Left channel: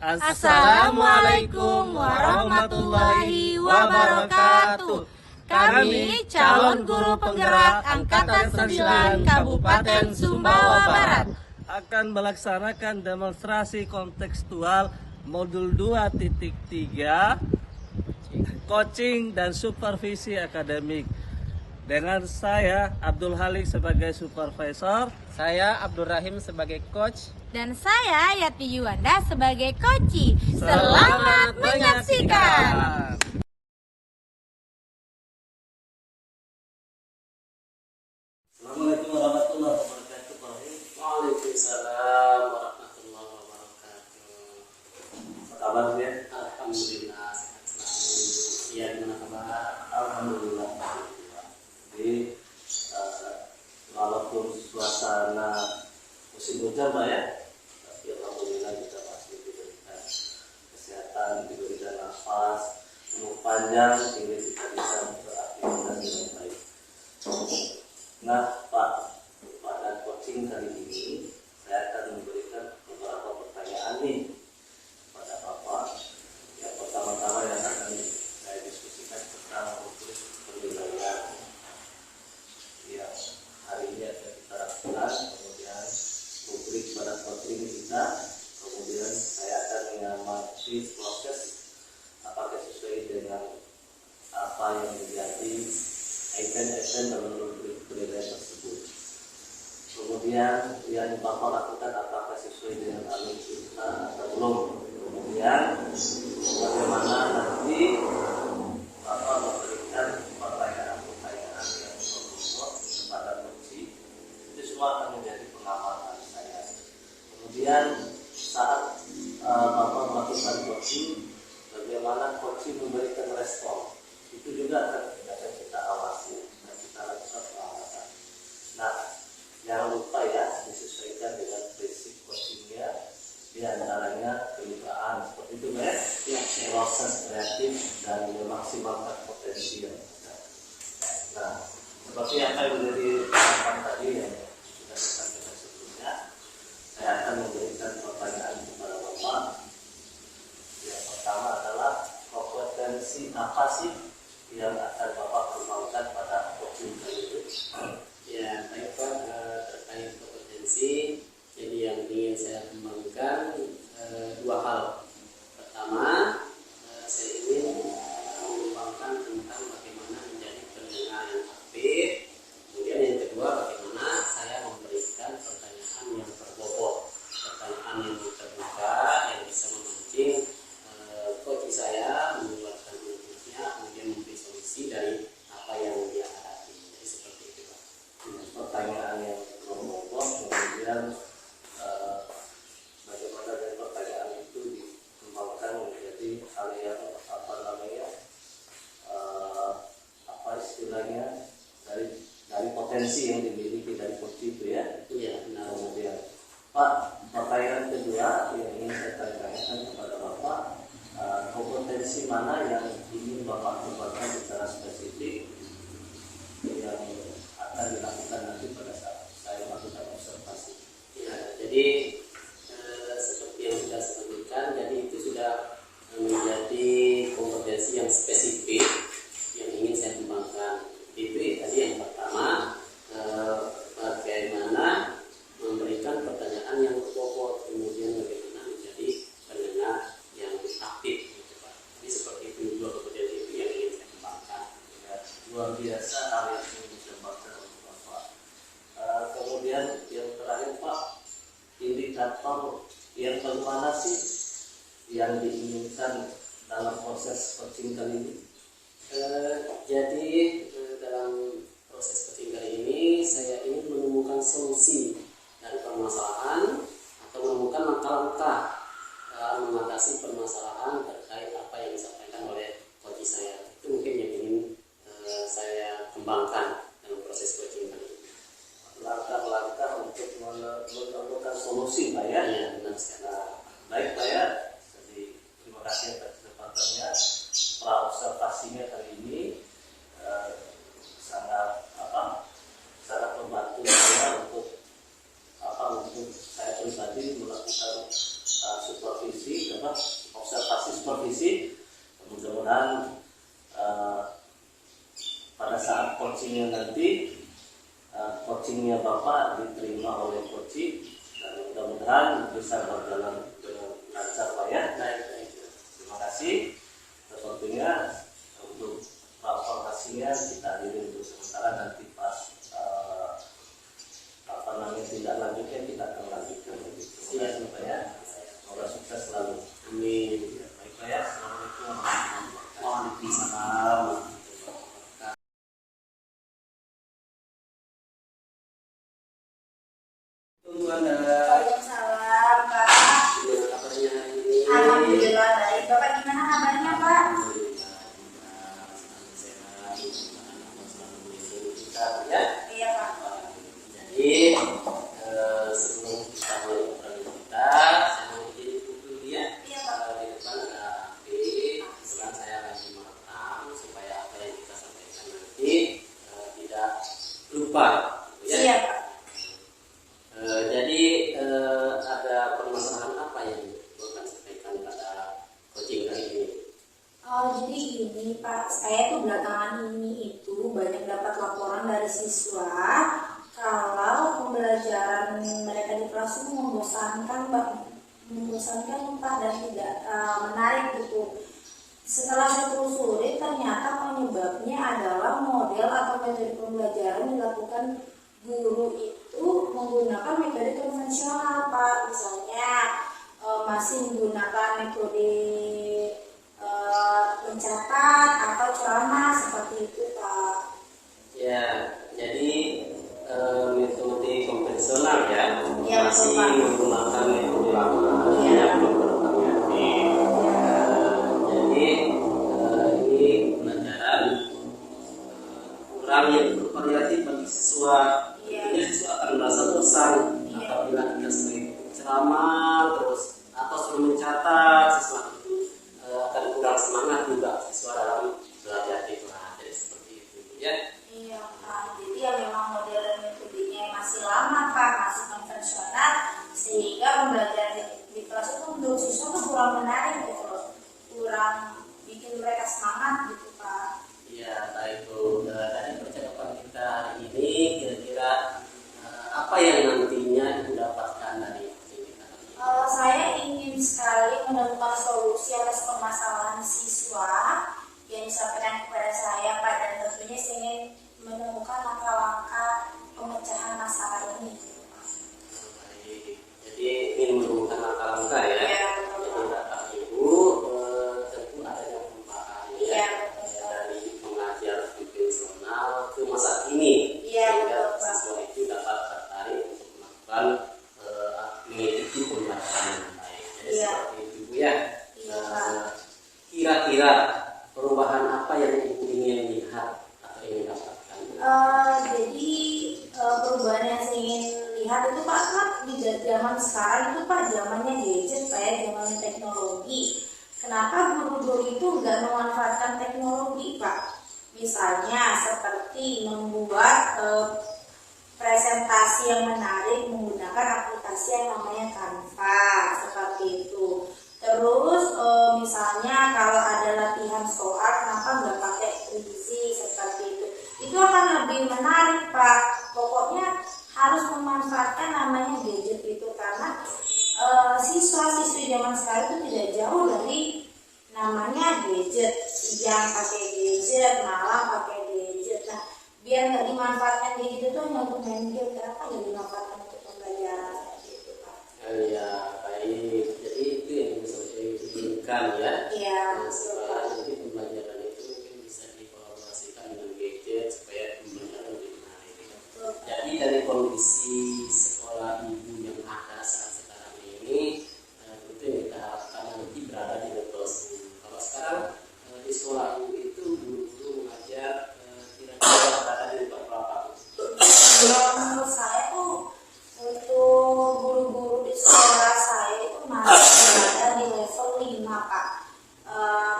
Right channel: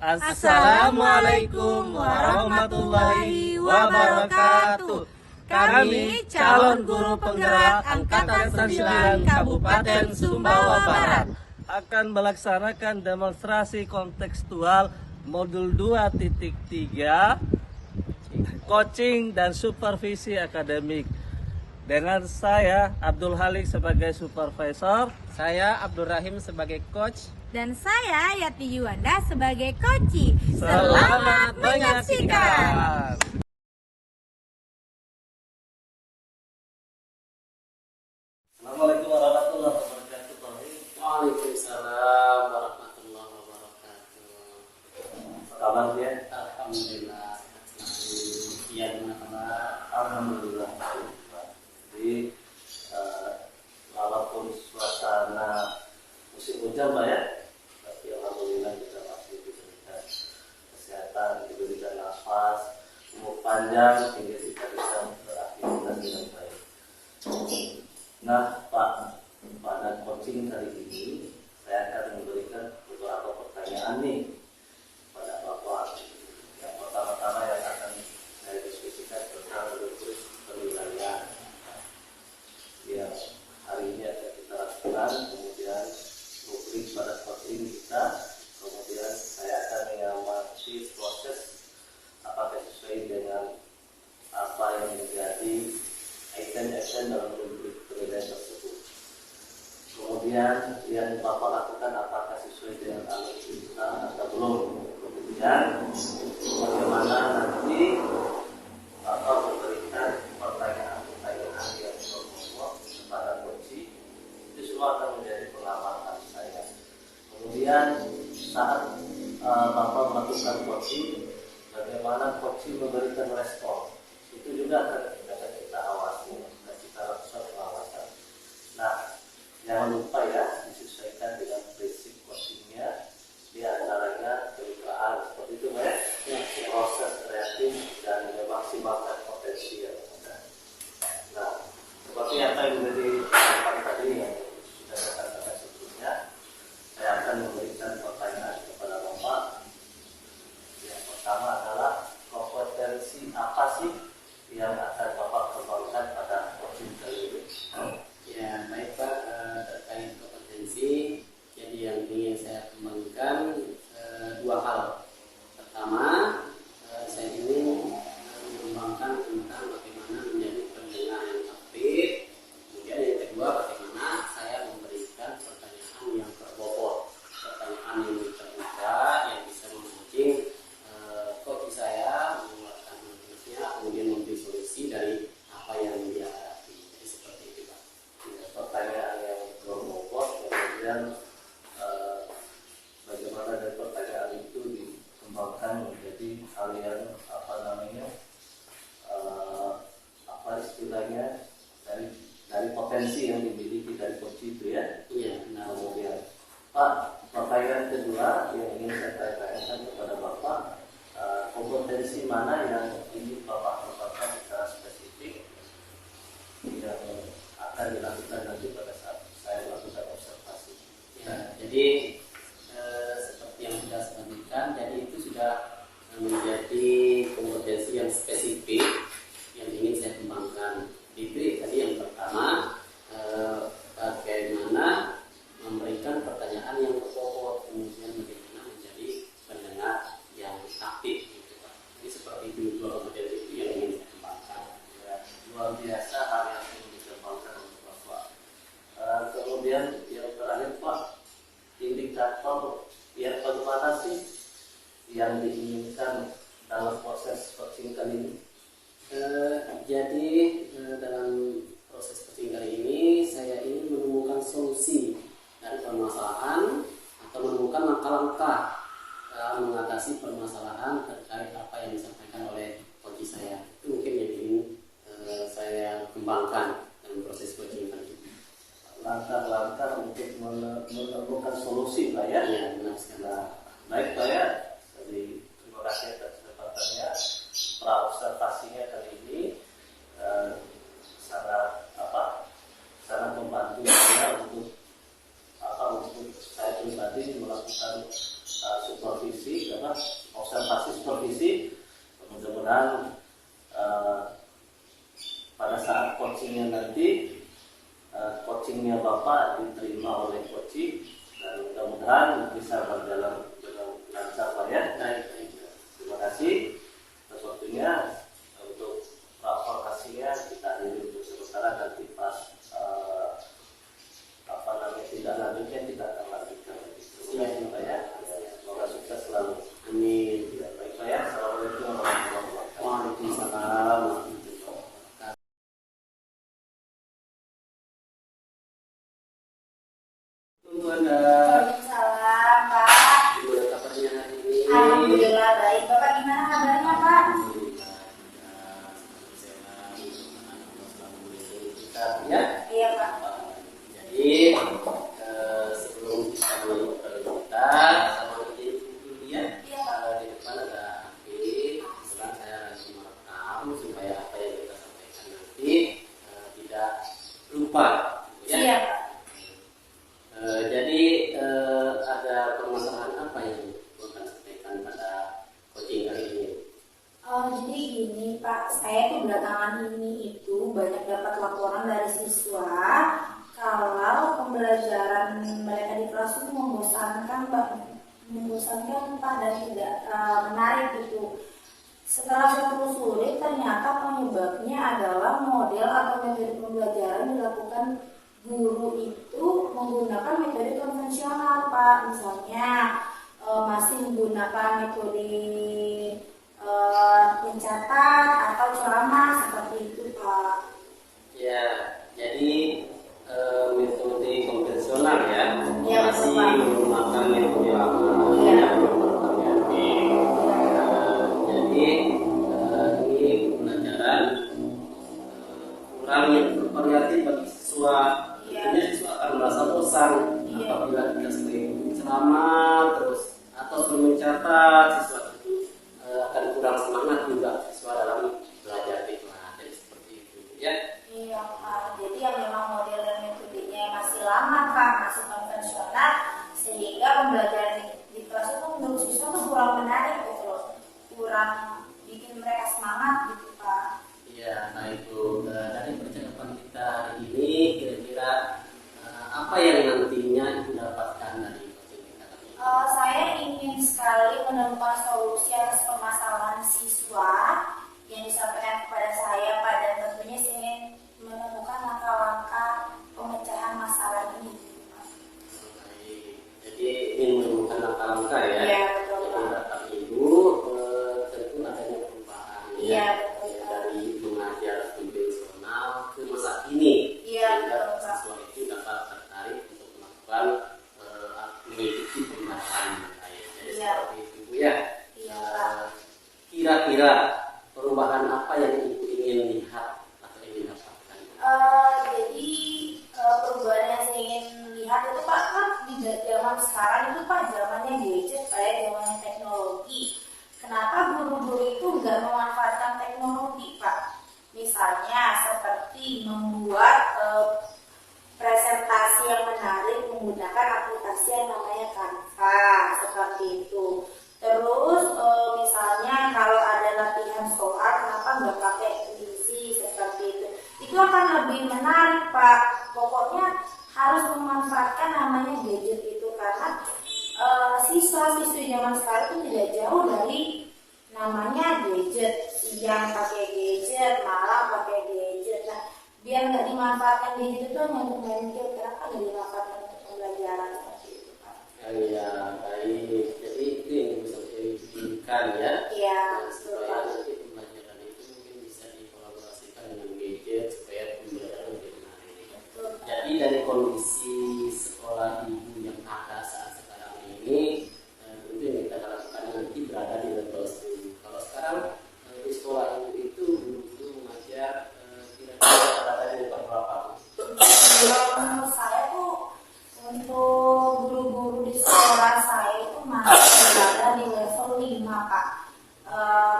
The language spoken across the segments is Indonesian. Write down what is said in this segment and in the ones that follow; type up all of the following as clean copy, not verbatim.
Assalamualaikum warahmatullahi wabarakatuh. Kami calon guru penggerak Angkatan 9 Kabupaten Sumbawa Barat akan melaksanakan demonstrasi kontekstual modul 2.3 coaching dan supervisi akademik dengan saya Abdul Halik sebagai supervisor, saya Abdul Rahim sebagai coach, dan saya Yati Yuwanda sebagai coach. Selamat menyaksikan. Assalamualaikum warahmatullahi wabarakatuh. Waalaikumsalam warahmatullahi wabarakatuh. Apa kabar ya? Alhamdulillah sehat selalu. Iya, gimana kabar? Alhamdulillah. Jadi walaupun suasana musim hujan Pak ya, tapi alhamdulillah kita masih diberikan kesehatan, diberikan nafas, umur panjang sehingga kita bisa beraktivitas dengan baik. Nah Pak, pada coaching kali ini saya akan memberikan beberapa pertanyaan nih pada Bapak. Yang pertama-tama yang akan saya diskusikan tentang rubrik penilaian yang hari ini akan kita lakukan, kemudian rubrik pada seperti ini kita, kemudian saya akan mengamati proses apakah sesuai dengan apa yang menjadi item-item dalam rubrik penilaian tersebut. Kemudian yang Bapak lakukan apakah sesuai dengan alur kita atau belum. Kemudian bagaimana nanti Bapak memberikan pertanyaan-pertanyaan yang berhubungan kepada coach. Itu semua akan menjadi pengamatan saya. Kemudian saat Bapak melakukan coaching, bagaimana coaching memberikan respon, itu juga akan kita awasi dan kita lakukan pengawasan. Nah, jangan lupa ya, disesuaikan dengan basic coachingnya, diantaranya kemitraan seperti itu ya, proses kreatif dan memaksimalkan potensial. Nah, seperti apa yang menjadi harapan tadi yang sudah saya katakan sebelumnya, saya akan memberikan pertanyaan kepada Bapak. Yang pertama adalah kompetensi apa sih yang akan Bapak kembangkan pada coaching kali ini? Ya, baik Pak, terkait kompetensi, jadi yang ingin saya kembangkan dua hal. Pertama, saya ingin mengembangkan tentang bagaimana menjadi pendengar yang aktif. Kemudian yang kedua, bagaimana saya memberikan pertanyaan yang berbobot, pertanyaan yang terbuka, yang bisa memancing coach saya mengeluarkan inputnya, kemudian memberi solusi dari apa yang dia hadapi. Jadi seperti itu Pak. Pertanyaan yang berbobot, kemudian bagaimana dari pertanyaan itu dikembangkan menjadi hal yang apa istilahnya dari potensi yang dimiliki dari coach itu ya. Iya, benar. Kemudian Pak, pertanyaan kedua yang ingin saya tanyakan kepada Bapak, kompetensi mana yang ingin Bapak kembangkan secara spesifik yang akan dilakukan nanti pada saat saya melakukan observasi. Ya, jadi seperti yang sudah saya sebutkan, jadi itu sudah menjadi kompetensi yang spesifik yang ingin saya kembangkan. Itu tadi yang pertama, bagaimana memberikan pertanyaan yang berbobot, kemudian bagaimana menjadi pendengar yang aktif, gitu Pak. Jadi seperti itu dua kompetensi itu yang ingin saya kembangkan. Ya, luar biasa hal yang ingin dikembangkan untuk Bapak. Kemudian yang terakhir Pak, indikator yang bagaimana sih yang diinginkan dalam proses coaching kali ini? Jadi dalam proses coaching kali ini saya ingin menemukan solusi dari permasalahan atau menemukan langkah-langkah dalam mengatasi permasalahan terkait apa yang disampaikan oleh coach saya. Itu mungkin yang ingin saya kembangkan dalam proses coaching kali ini. Langkah-langkah untuk menemukan solusi Pak ya? Ya, benar sekali. Nah, baik Pak ya, jadi terima kasih atas kesempatannya. Pra-observasinya kali ini sangat membantu saya untuk saya pribadi melakukan supervisi karena coachingnya nanti coachingnya Bapak diterima oleh coaching dan mudah-mudahan bisa berjalan dengan lancar Pak ya. Terima kasih. Sepertinya untuk rapor kita ini untuk sementara, nanti pas tidak lanjutnya kita akan lanjutkan lagi. Terima kasih Pak ya. Semoga sukses selalu. Amin. Ya, baik Pak ya. Assalamualaikum warahmatullahi wabarakatuh. Waalaikumsalam. Tunggu Anda. Waalaikumsalam, Pak. Gimana kabarnya hari ini? Alhamdulillah baik. Bapak gimana kabarnya, Pak? Alhamdulillah, selalu sehat. Mudah-mudahan Allah selalu melindungi kita, ya. Iya, Pak. Jadi sebelum kita mulai obrolan kita, saya mau izin dulu ya. Iya, Pak. Di depan ada api, kebetulan saya lagi merekam supaya apa yang kita sampaikan nanti tidak lupa. Ya. Iya, Pak. Jadi ada permasalahan apa yang akan sampaikan pada coaching kali ini? Oh, jadi gini Pak, saya tuh belakangan ini itu banyak dapat laporan dari siswa kalau pembelajaran mereka di kelas itu membosankan Pak, dan tidak menarik gitu. Setelah saya telusuri, ternyata penyebabnya adalah model atau metode pembelajaran dilakukan guru itu menggunakan metode konvensional Pak, misalnya masih menggunakan metode mencatat atau ceramah seperti itu Pak. Ya, jadi metode konvensional ya, Iya, masih betul, Pak. menggunakan metode lama, Iya. ya belum berganti. Jadi ini pelajaran kurang yang bervariatif bagi siswa. Iya. Tentunya siswa akan merasa bosan Iya. apabila kita sering ceramah terus atau sering mencatat, siswa itu akan kurang semangat juga siswa dalam belajar di kelas. Jadi seperti itu ya. Iya Pak, jadi ya memang model dan metodenya masih lama Pak, masih konvensional, sehingga pembelajaran di kelas itu menurut siswa tuh kurang menarik gitu loh, kurang bikin mereka semangat gitu Pak. Ya, baik Bu. Dari percakapan kita hari ini, kira-kira apa yang nantinya Ibu dapatkan dari coaching kita? Saya ingin sekali menemukan solusi atas permasalahan siswa yang disampaikan kepada saya Pak, dan tentunya saya ingin menemukan langkah-langkah pemecahan masalah ini gitu, Pak. Baik. Jadi ingin menemukan langkah-langkah ya. Iya, betul, Jadi Pak. harapan Ibu tentu adanya perubahan ya. Iya, betul, Ya, Pak. dari mengajar konvensional ke masa kini. Iya, Sehingga betul, Pak. siswa itu dapat tertarik untuk melakukan mengikuti pembelajaran yang baik. Jadi Iya. seperti itu Bu ya. Iya, Pak. Kira-kira perubahan apa yang Ibu ingin lihat atau ingin dapatkan? Jadi perubahan yang saya ingin lihat itu Pak, kan di zaman sekarang itu Pak zamannya gadget Pak ya, zamannya teknologi. Kenapa guru-guru itu nggak memanfaatkan teknologi Pak? Misalnya seperti membuat presentasi yang menarik menggunakan aplikasi yang namanya Canva seperti itu. Terus misalnya kalau ada latihan soal, kenapa nggak pakai puisi seperti itu? Itu akan lebih menarik Pak. Pokoknya harus memanfaatkan namanya gadget itu, karena siswa-siswi zaman sekarang itu tidak jauh dari namanya gadget, siang pakai gadget, malam pakai gadget. Nah, biar nggak dimanfaatkan gadget itu hanya untuk main game, kenapa nggak dimanfaatkan untuk pembelajaran seperti itu Pak? Ya, baik. Jadi itu yang bisa diinginkan ya. Iya, Supaya Pak. nanti pembelajaran itu mungkin bisa dikolaborasikan dengan gadget supaya pembelajaran lebih menarik. Betul, Pak. Jadi dari kondisi sekolah Ibu yang ada saat sekarang ini, tentu yang kita harapkan nanti berada di level 10. Kalau sekarang di sekolah Ibu itu guru-guru mengajar kira-kira berada di level berapa? Menurut saya tuh untuk guru-guru di sekolah saya itu masih berada di level 5 Pak.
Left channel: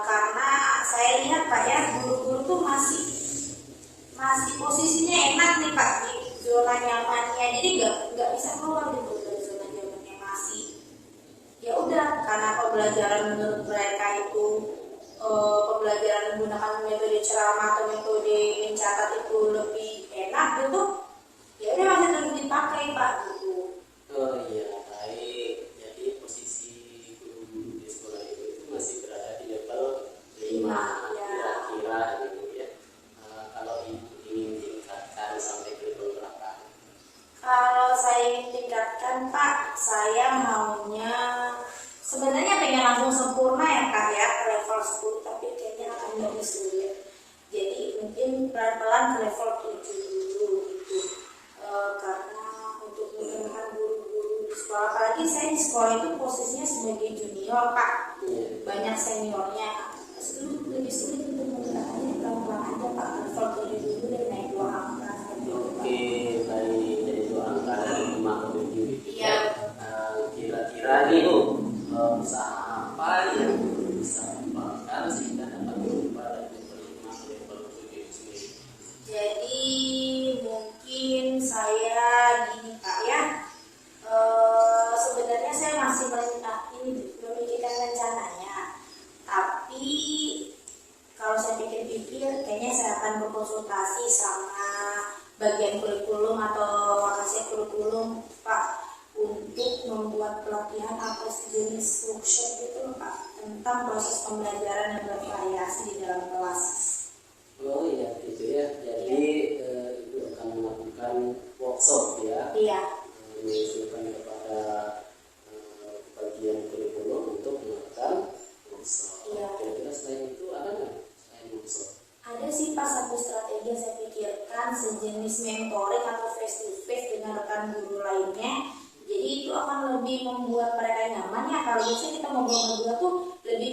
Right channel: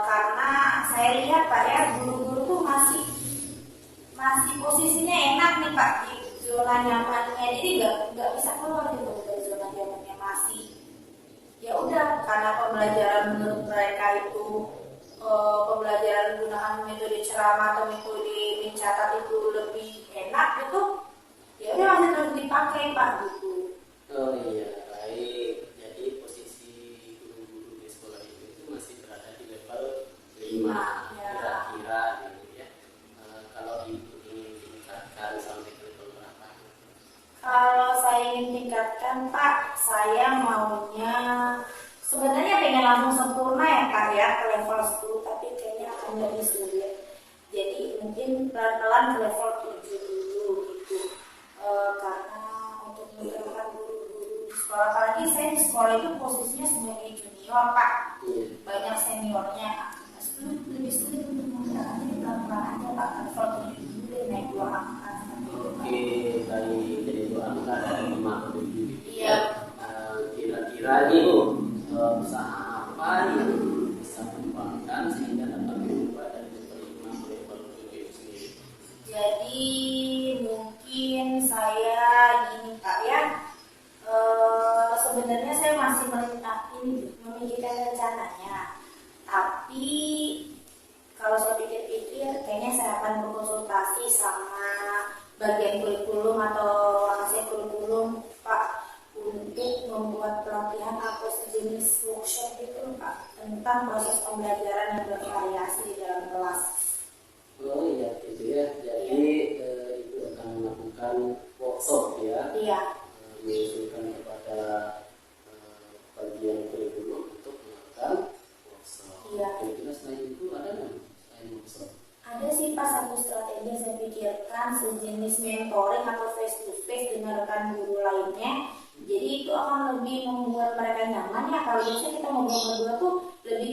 Karena saya lihat Pak ya, guru-guru tuh masih posisinya enak nih Pak, di zona nyamannya, jadi nggak bisa keluar gitu dari zona nyamannya, masih ya udah, karena pembelajaran menurut mereka itu pembelajaran menggunakan metode ceramah atau metode mencatat itu lebih ingin tingkatkan Pak, saya maunya sebenarnya pengen langsung sempurna ya Kak ya ke level 10, tapi kayaknya akan lebih sulit. Jadi mungkin pelan-pelan ke level 7 dulu gitu. Karena untuk menggunakan guru-guru di sekolah, apalagi saya di sekolah itu posisinya sebagai junior Pak, banyak seniornya, lebih sulit untuk menggunakannya. Pelan-pelan aja Pak, level 7 dulu deh, naik 2 angka. Oke, baik. Jadi 2 angka dari 5 ke 7. Iya. Kira-kira nih Bu, usaha apa yang bisa dikembangkan sehingga dapat berubah dari level 5 ke level 7 itu sendiri? Jadi mungkin saya gini Pak ya, sebenarnya saya masih memikirkan rencananya, tapi kalau saya pikir-pikir kayaknya saya akan berkonsultasi sama bagian kurikulum atau hasil kurikulum Pak untuk membuat pelatihan atau sejenis workshop gitu Pak tentang proses pembelajaran yang bervariasi di dalam kelas. Oh iya gitu ya. Jadi Ibu akan melakukan workshop ya. Iya. Mengusulkan kepada bagian kurikulum untuk melakukan workshop. Iya. Kira-kira selain itu ada nggak selain workshop? Ada sih Pak satu strategi yang saya pikirkan, sejenis mentoring atau face to face dengan rekan guru lainnya. Jadi itu akan lebih membuat mereka nyaman ya. Kalau biasanya kita ngobrol berdua tuh lebih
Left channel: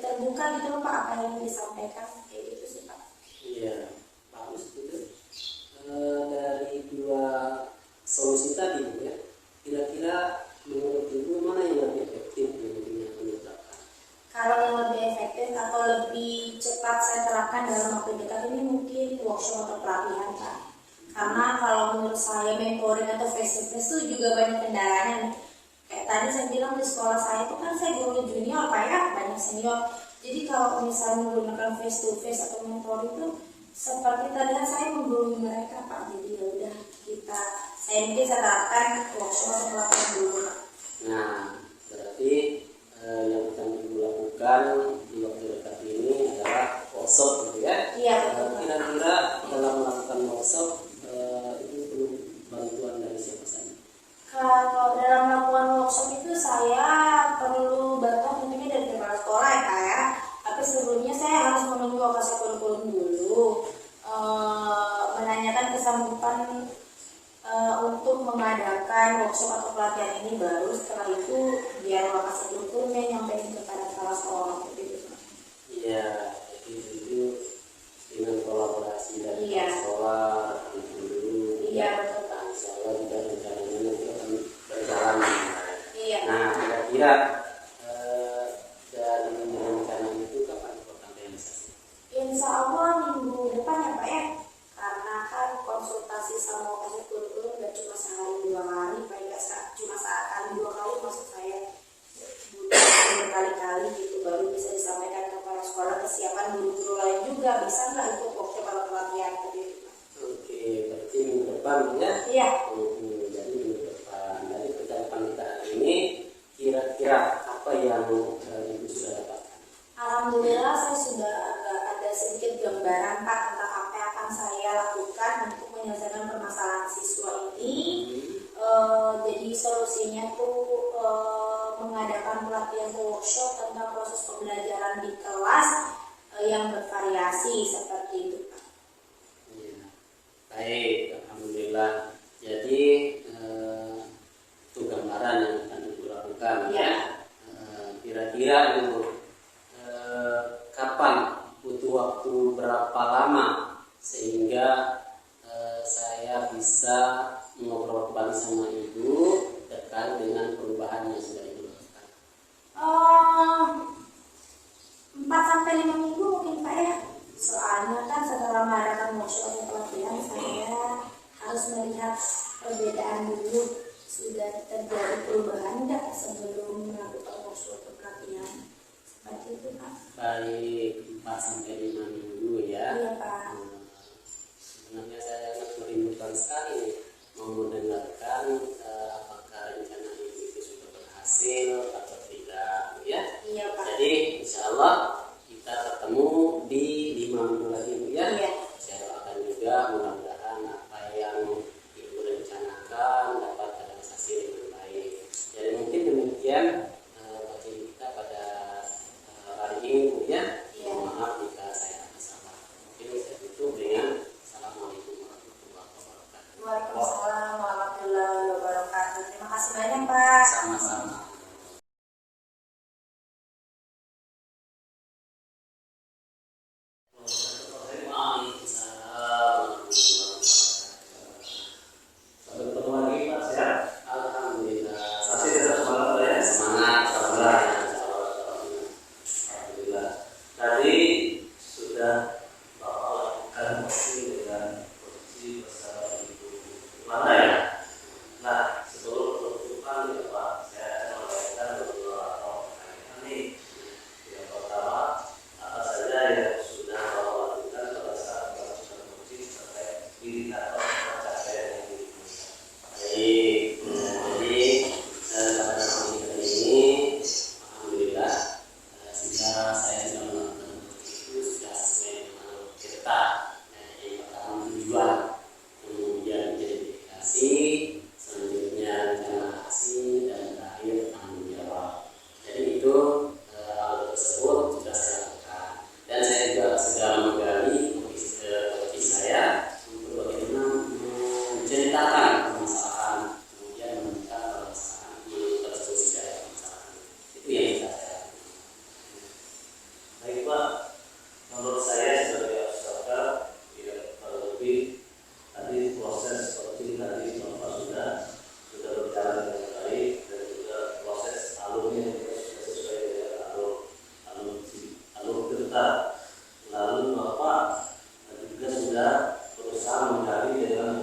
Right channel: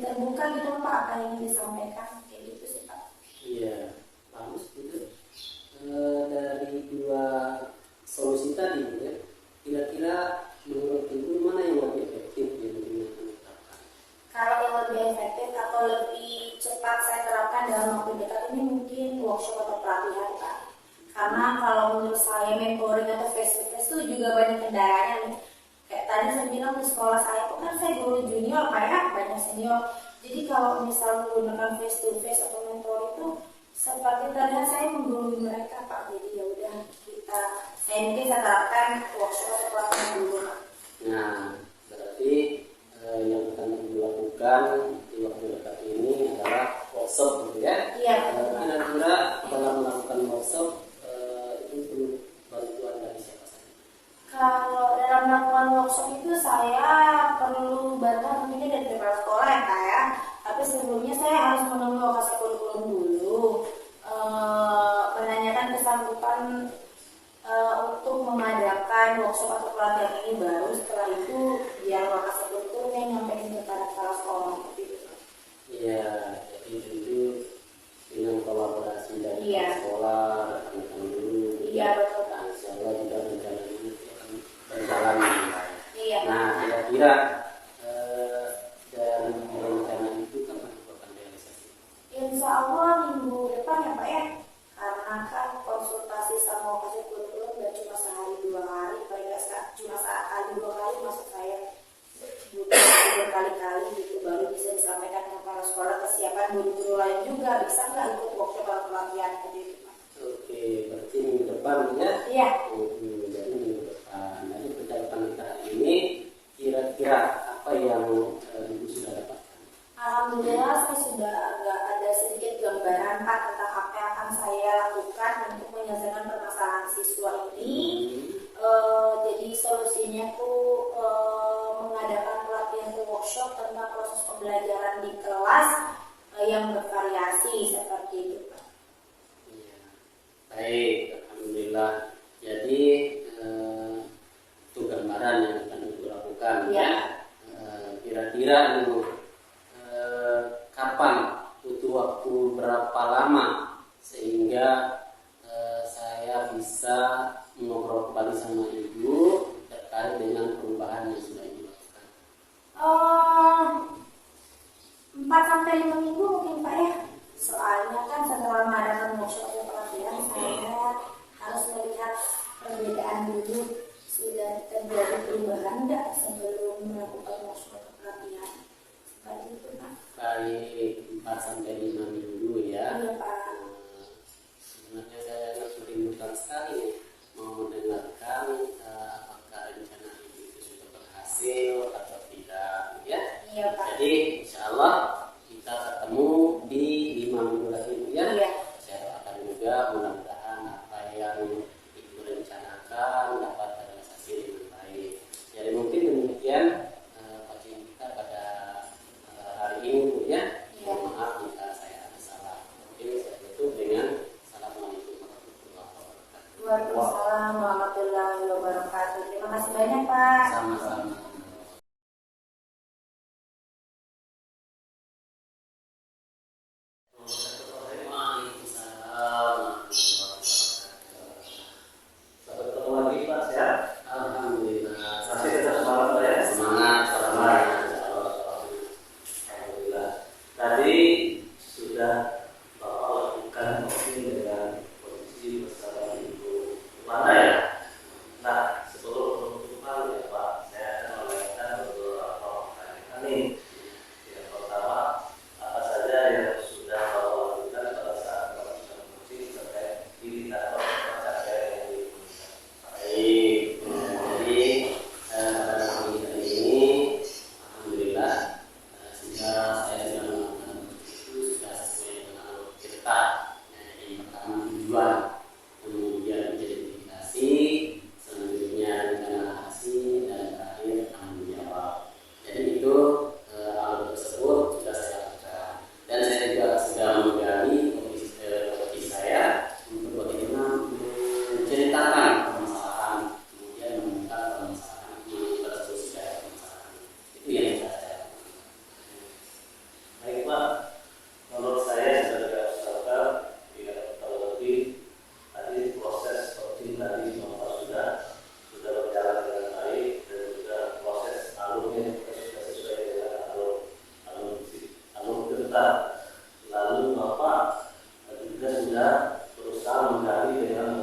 terbuka gitu Pak apa yang disampaikan, kayak gitu sih Pak. Iya, bagus gitu. Dari 2 solusi tadi ya, kira-kira menurut Ibu mana yang lebih efektif yang akan diterapkan? Kalau yang lebih efektif atau lebih cepat saya terapkan dalam waktu dekat ini mungkin workshop atau pelatihan Pak. Karena kalau menurut saya mentoring atau face to face itu juga banyak kendalanya nih. Kayak tadi saya bilang di sekolah saya itu kan saya guru junior Pak ya, banyak senior. Jadi kalau misalnya menggunakan face to face atau mentoring itu seperti tadi saya menggurui mereka Pak. Jadi ya udah saya mungkin saya terapkan workshop atau pelatihan dulu Pak. Nah, berarti yang akan Ibu lakukan di waktu dekat ini adalah workshop gitu ya? Iya. Kira-kira dalam melakukan workshop itu perlu bantuan dari siapa saja? Kalau dalam melakukan workshop itu saya perlu bantuan tentunya dari kepala sekolah ya Kak ya. Tapi sebelumnya saya harus menemui lokasi kurikulum dulu, menanyakan kesanggupan untuk mengadakan workshop atau pelatihan ini, baru setelah itu biar lokasi kurikulum yang nyampein kepada kepala sekolah gitu. Iya, jadi itu dengan kolaborasi dari sekolah, rekan-rekan dulu. Iya betul Pak. Insya Allah juga rencananya nanti akan berjalan dengan baik. Iya. Nah, kira-kira dari rencana itu kapan akan realisasi? Insya Allah minggu depan ya Pak ya. Karena kan konsultasi sama lokasi kurikulum gak cuma sehari 2 hari, Pak ya, cuma sekali 2 kali, maksud saya butuh berkali-kali gitu baru bisa disampaikan ke kepala sekolah. Kesiapan guru-guru lain juga bisa nggak ikut workshop atau pelatihan gitu Pak? Oke, berarti minggu depan ya? Iya. Jadi minggu depan. Dari percakapan kita hari ini, kira-kira apa yang Ibu sudah dapatkan? Alhamdulillah saya sudah agak ada sedikit gambaran Pak tentang apa yang akan saya lakukan untuk menyelesaikan permasalahan siswa ini. Jadi solusinya tuh mengadakan pelatihan workshop tentang proses pembelajaran di kelas yang bervariasi seperti itu Pak. Ya. Baik, alhamdulillah. Jadi itu gambaran yang akan Ibu lakukan ya. Kira-kira Ibu kapan butuh waktu berapa lama sehingga saya bisa ngobrol kembali sama Ibu terkait dengan perubahan yang sudah Ibu lakukan? 4-5 minggu mungkin Pak ya. Soalnya kan setelah mengadakan workshop atau pelatihan saya harus melihat perbedaan dulu, sudah terjadi perubahan enggak sebelum melakukan workshop atau pelatihan. Seperti itu Pak. Baik, 4-5 minggu ya. Iya Pak. Sebenarnya saya sangat merindukan sekali nih mau mendengarkan apakah rencana Ibu itu sudah berhasil atau tidak ya. Iya Pak. Jadi insya Allah kita ketemu di 5 minggu lagi Bu ya. Iya. Saya doakan juga mudah-mudahan apa yang Ibu rencanakan dapat berusaha menggali dengan